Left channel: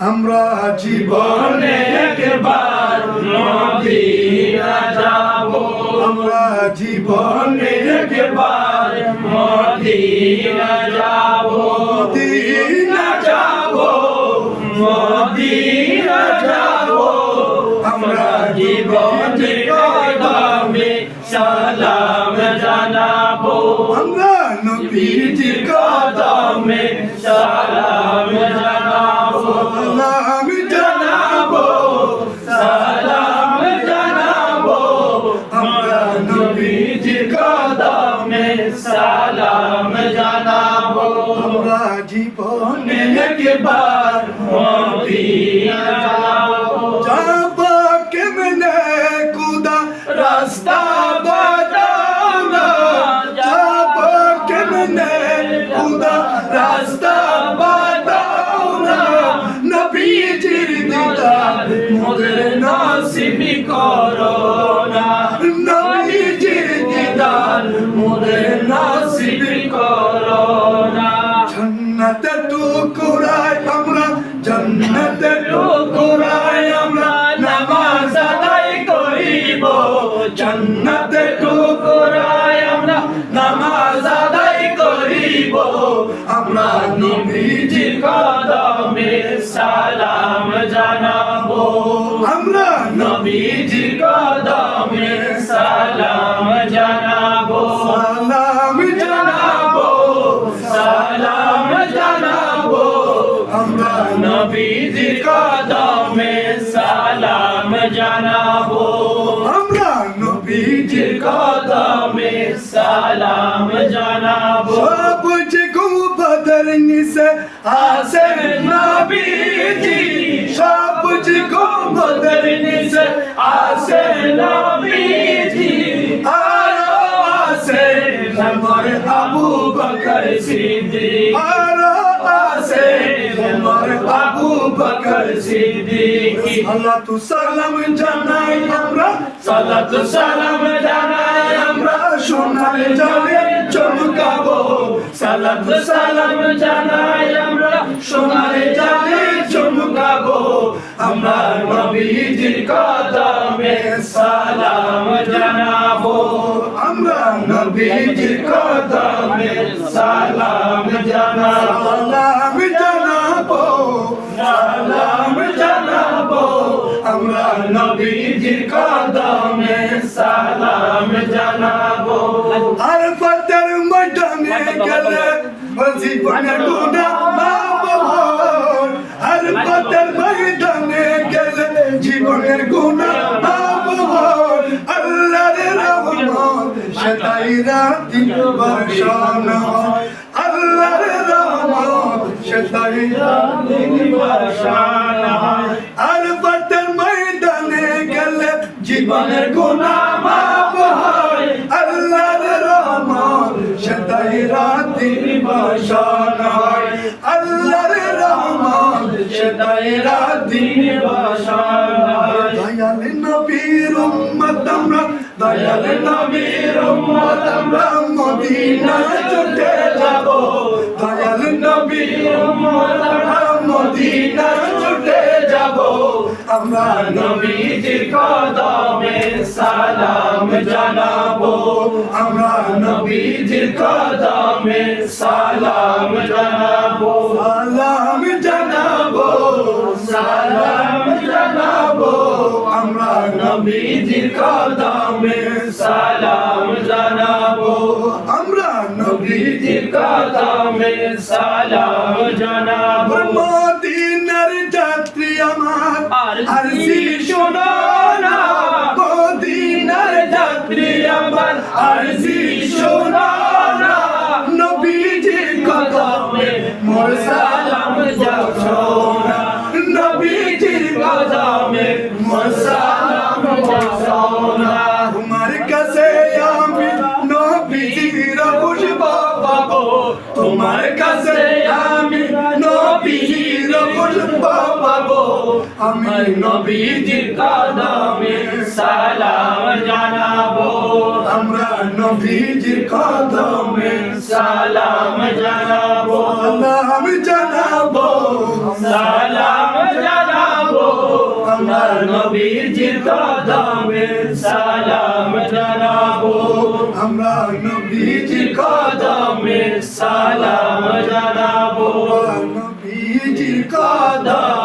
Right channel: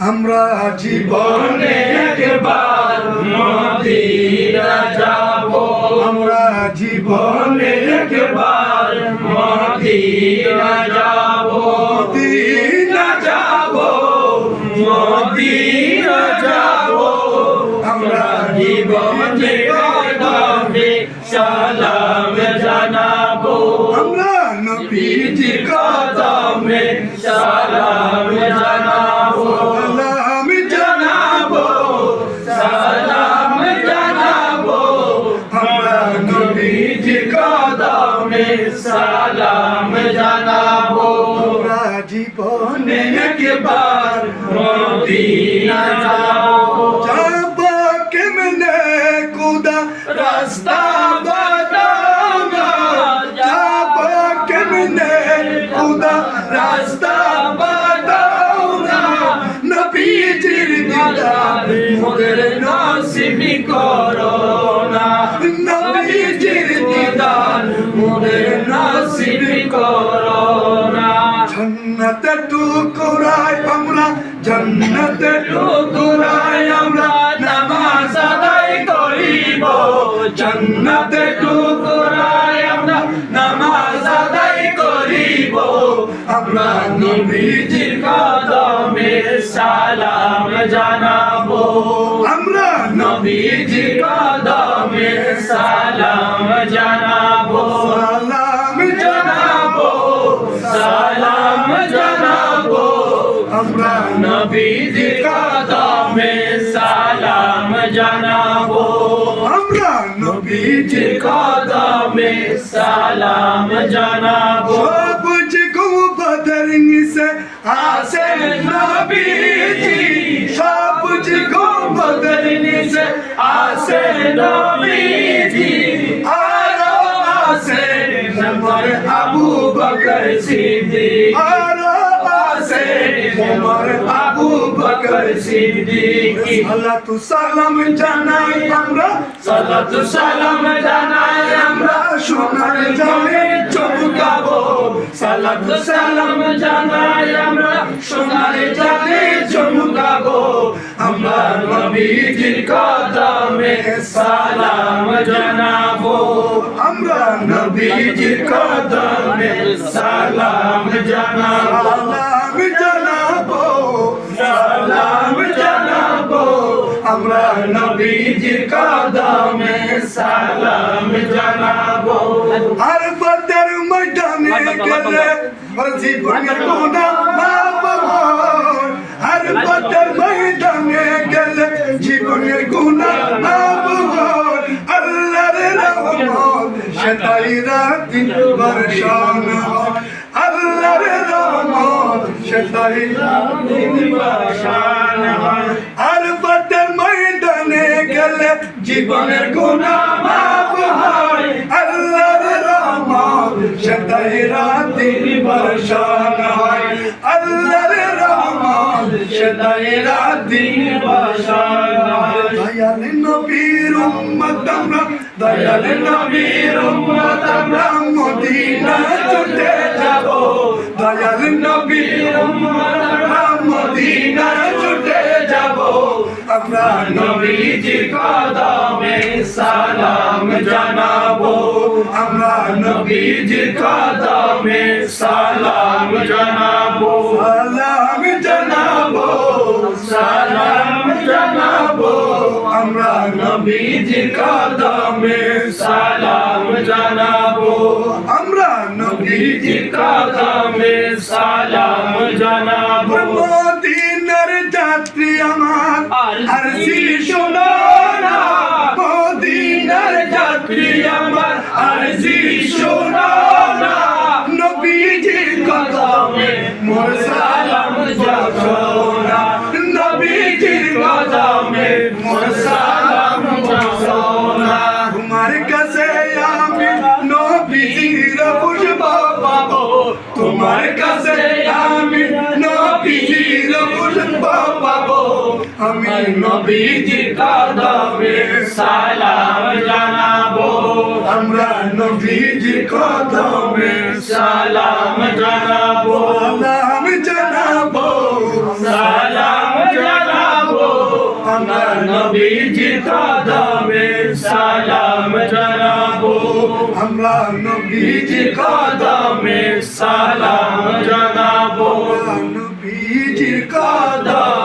আমরা জীবনে একবার মদিনা যাব। আমরা জীবনে একবার মদিনা যাব। মদিনা যাব মদিনা যাব। আমরা জীবনে কদমে সালাম জানাব আমরা নবীজি কদমে সালাম জানাব সালাম জানাব সালাম জানাব আমরা নবীজি কদমে সালাম জানাব আমরা জীবনে একবার মদিনা যাব যাব কেমনে কুদা রাস্তা বাতাও জান্নাতে টুকুরায় আমরা নামাজ আদায় করিব। আমরা নবীজির কদমে সালাম জানাব। আমরা নবীজির কদমে সালাম জানাব। সালাম জানাব। সালাম জানাব। আমরা নবীজির কদমে সালাম জানাব। নবীজির কদমে সালাম জানাব সবুজ গুবদর নিসে আসে নবীজি সবুজ গুবদর নিসে আসে নবীজি আরও আসে নমর আবু বকর সিদ্দিক বকর সিদ্দিক। আল্লাহ তু সালাম জানাই আমরা। সালাতু সালাম জানাই আমরা। সোনার জানে চমকাবো। সালাতু সালাম জানাই আমরা। সোনার জানে চমকাবো। আমরা নবীজির কদমে সালাম জানাব। আমরা নবীজির কদমে সালাম কদমে সালাম জানাব। আর ফতের ময়দানে গেলে জীবনের গুণা মাপ আর ফতের ময়দানে গেলে জীবনের গুণা মাপ আল্লাহর রহমত সেটাই রাতি বর্ষণ। আল্লাহর রহমত সেটাই রাতি বর্ষণ। আর জীবনের মাপ হয়। আল্লাহর রাতি বর্ষণ হয়। আল্লাহর রাতি বর্ষণ হয়। দয়াল নবীর উম্মত আমরা, দয়াল নবীর উম্মত আমরা মদিনা ছুটে যাব। দয়াল নবীর উম্মত আমরা মদিনা আমরা নবীজির কদমে সালাম জানাব। আমরা নবীজির কদমে সালাম জানাব। সালাম জানাব সালাম জানাব আমরা নবীজির কদমে সালাম জানাব। আমরা নবীজি নবীজির কদমে সালাম জানাব মদিনার যাত্রী আমার আর আর শোনো মদিনার যাত্রী আমার। আর শোনো নবীজির কদমে মোর সালাম যাও নবীজির কদমে মোর সালাম যাও তোমার কাছে আমি নবীজির খুশব পাবো। তোমার কাছে আমি পাবো। আমি আমি নবীজির কদমে সালাম জানাব। আমরা নবীজির কদমে সালাম জানাব। সালাম জানাব। সালাম জানাব। আমরা নবীজির কদমে সালাম জানাব। আমরা নবীজির বীজির কদমে সালাম জানাব। নবীজির